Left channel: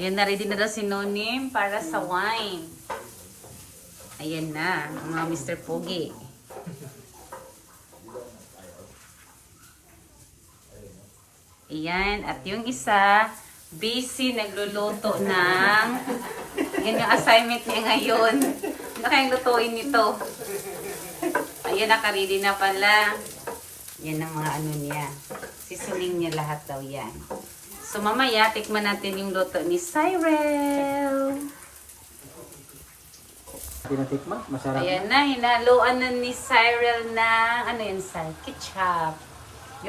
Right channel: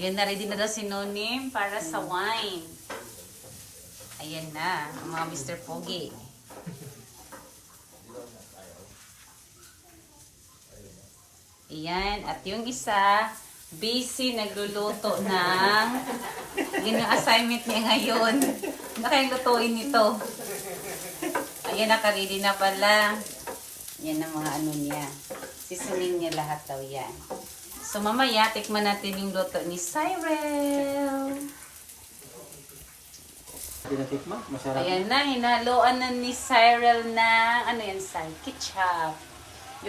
Ayan na, ready na daw si Nonim para sa wine. Ayan na, mga Mr. Pogi. Ayan, at yung isa, busy nagluluto ng yun yung assignment niya ngayon. Ano kayang lutuin nito? Ayan, nakaready na pala. Yan ang mga ano niya. Sisunin niya lahat daw yan. So mamaya, tikman natin yung luto ni Cyril. Tinatikman, masarap. Ayan na, hinaluan na ni Cyril na, ano yun, Cyril? Ketchup.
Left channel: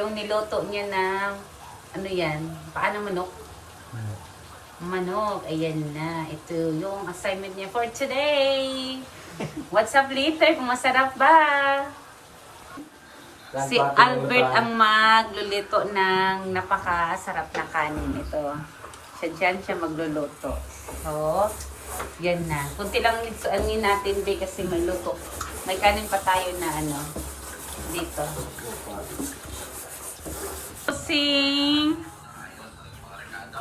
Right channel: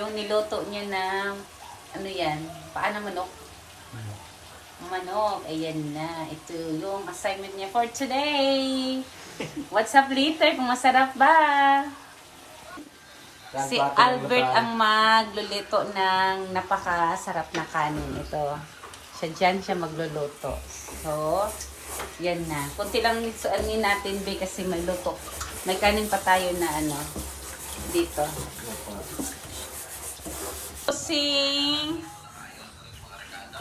Yung niluto niya na, ano yan, paano manok? Manok, ayan na. Ito yung assignment niya for today. What's up later? Kung masarap ba? Si Albert ang magluluto ng napakasarap na kanin. Ito. Dyan siya magluluto. So, yan na. Kunti lang nisuanin natin be kasi may luto. May kanin pa tayo na ano dito. Si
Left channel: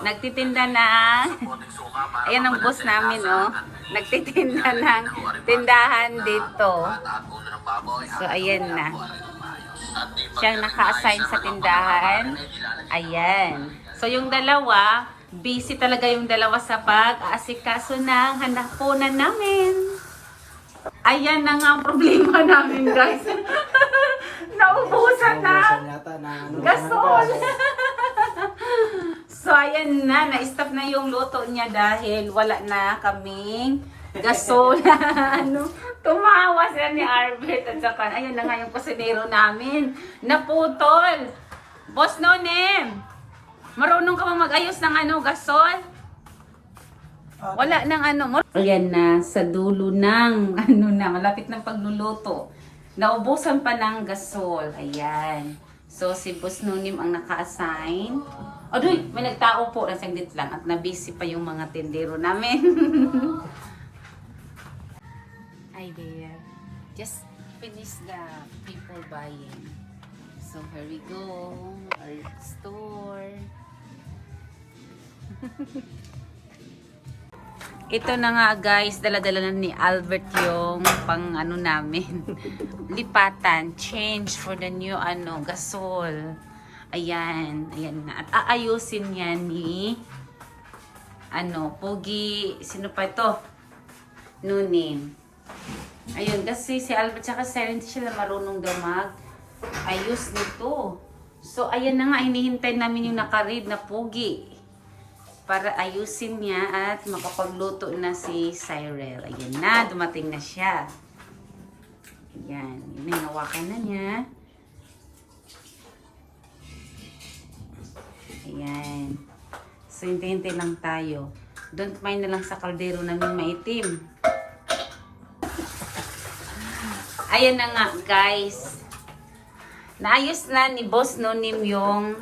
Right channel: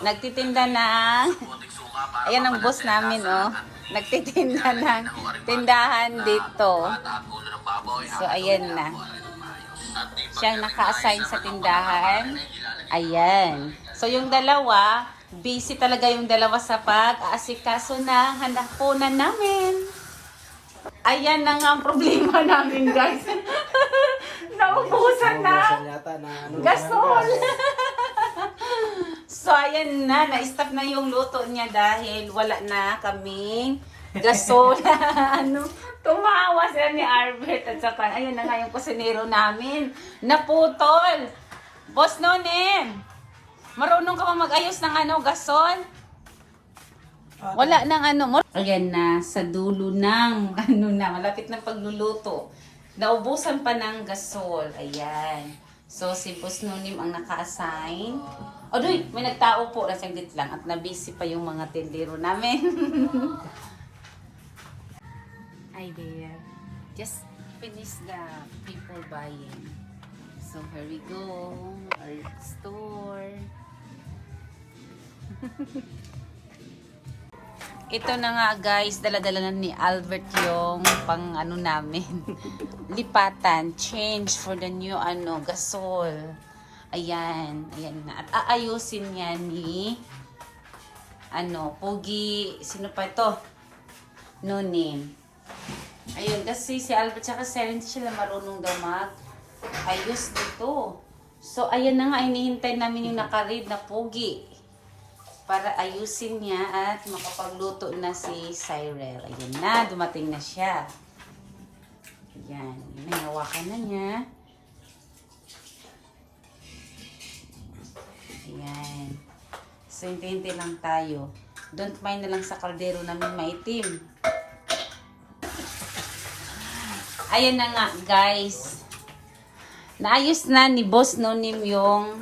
nagtitinda ng ayan ang boss namin, oh. Nagtitinda ng tindahan dito. So, ayan na. Siyang naka-assign sa tindahan. Ayan. So, yung dalawa, busy talaga yung dalawa sa pag-aasikaso ng hanapunan namin. Ayan na nga ang problema namin, guys. Naubusan na. Gasol. So, ayan na. Na-stop na yung luto niya dahil wala na kaming gasol. Ano? Tumawa siya ni Albert at saka, ayun na nga yung kusinero namin. Naputol. Boss Nonem, marunong ka bang mag-ayos ng ano, gasol? Wala nang ano. Ayan na, sa dulo ng, ano na, malapit ng pagluluto. Naubusan pa ng gasol. Ayan. So, si Boss Nonem ang naka-assign. Adoy, may nagtao po. Nasanglit lang at nabisi pa yung mga tindero namin. Hi there. Just finish the people buying. So here we go. Our store. Ito na nga guys, dala-dala na ni Albert yung pang ano namin. Lipatan, change for the new ano, gasol. Ayan, ayan na. At aayusin nga ni ano, Pogi, sino pa ito? Nonim. Ayun, kasi si Albert tsaka Cyril hindi sila marunong daw mag-ayos nito. So, ayan na nga, hinihintay namin yung nakaread na Pogi para ayusin niya at makapagluto na si Cyril. Ayun na, dumating na siya. Ayan, hinawakan na niya. Ayan. So, hintay-hintay lang tayo. Don't mind na lang sa kaldero namin maitim. Ayun na nga, guys. Naayos na ni Boss Nonim yung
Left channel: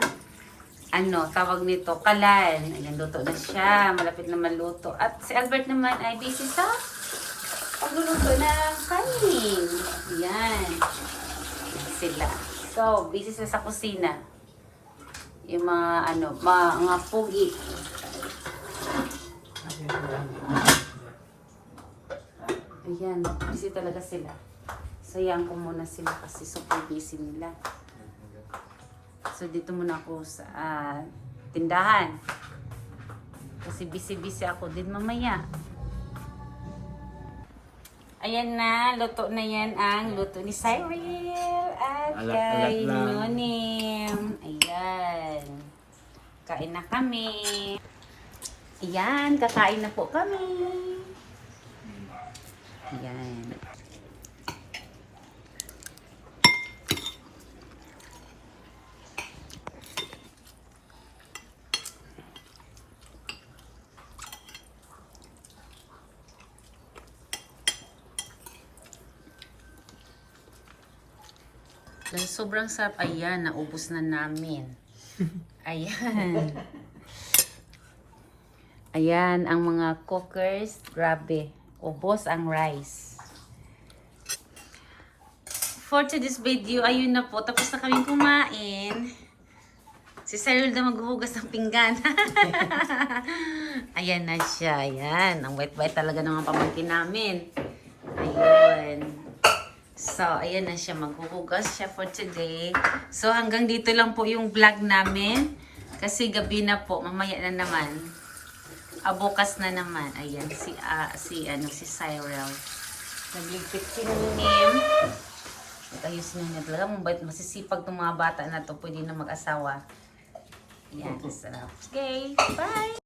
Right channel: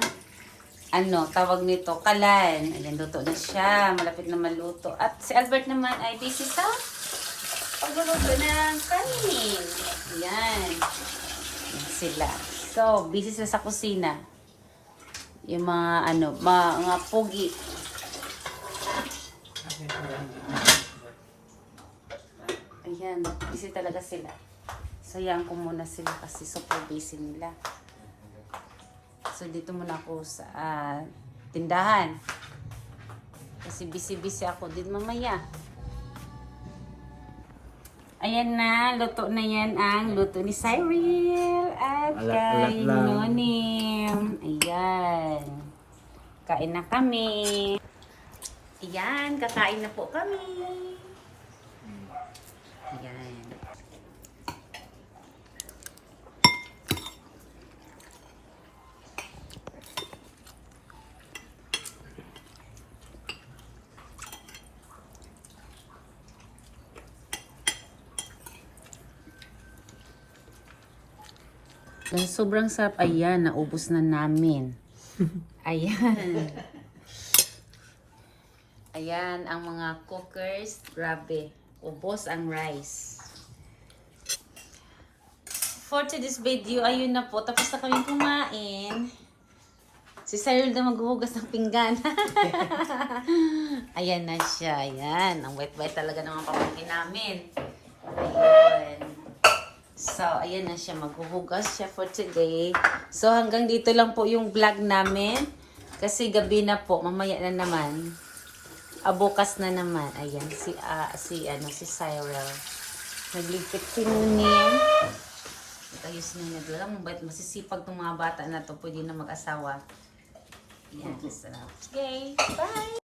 ano, tawag nito, kalan. Ayan, luto na siya. Malapit na maluto. At si Albert naman ay busy sa pagluluto ng kanin. Ayan. Sila. So, busy sila sa kusina. Yung mga, ano, mga pugi. Ayan, busy talaga sila. Sayang ko muna sila kasi super busy nila. So, dito muna ako sa tindahan. Kasi busy-busy ako din mamaya. Ayan na, luto na yan ang luto ni Cyril at kay Nonim. Ayan. Kain na kami. Ayan, kakain na po kami. Ayan. Sobrang sarap. Ayan, naubos na namin. Ayan. Ayan, ang mga cookers. Grabe. Ubos ang rice. For today's video, ayun na po. Tapos na kaming kumain. Si Cyril na maghuhugas ng pinggan. Ayan na siya. Ayan. Ang wet-wet talaga ng mga pamangkin namin. Ayun. So, ayan na siya. Maghuhugas siya for today. So, hanggang dito lang po yung vlog namin. Kasi gabi na po. Mamaya na naman. Bukas na naman. Ayan. Si Cyril. Nagligpit si Nim. At ayos na niya. Talaga mabait. Masisipag itong mga bata na to. Pwede na mag-asawa. Yan. Sarap. Okay. Bye!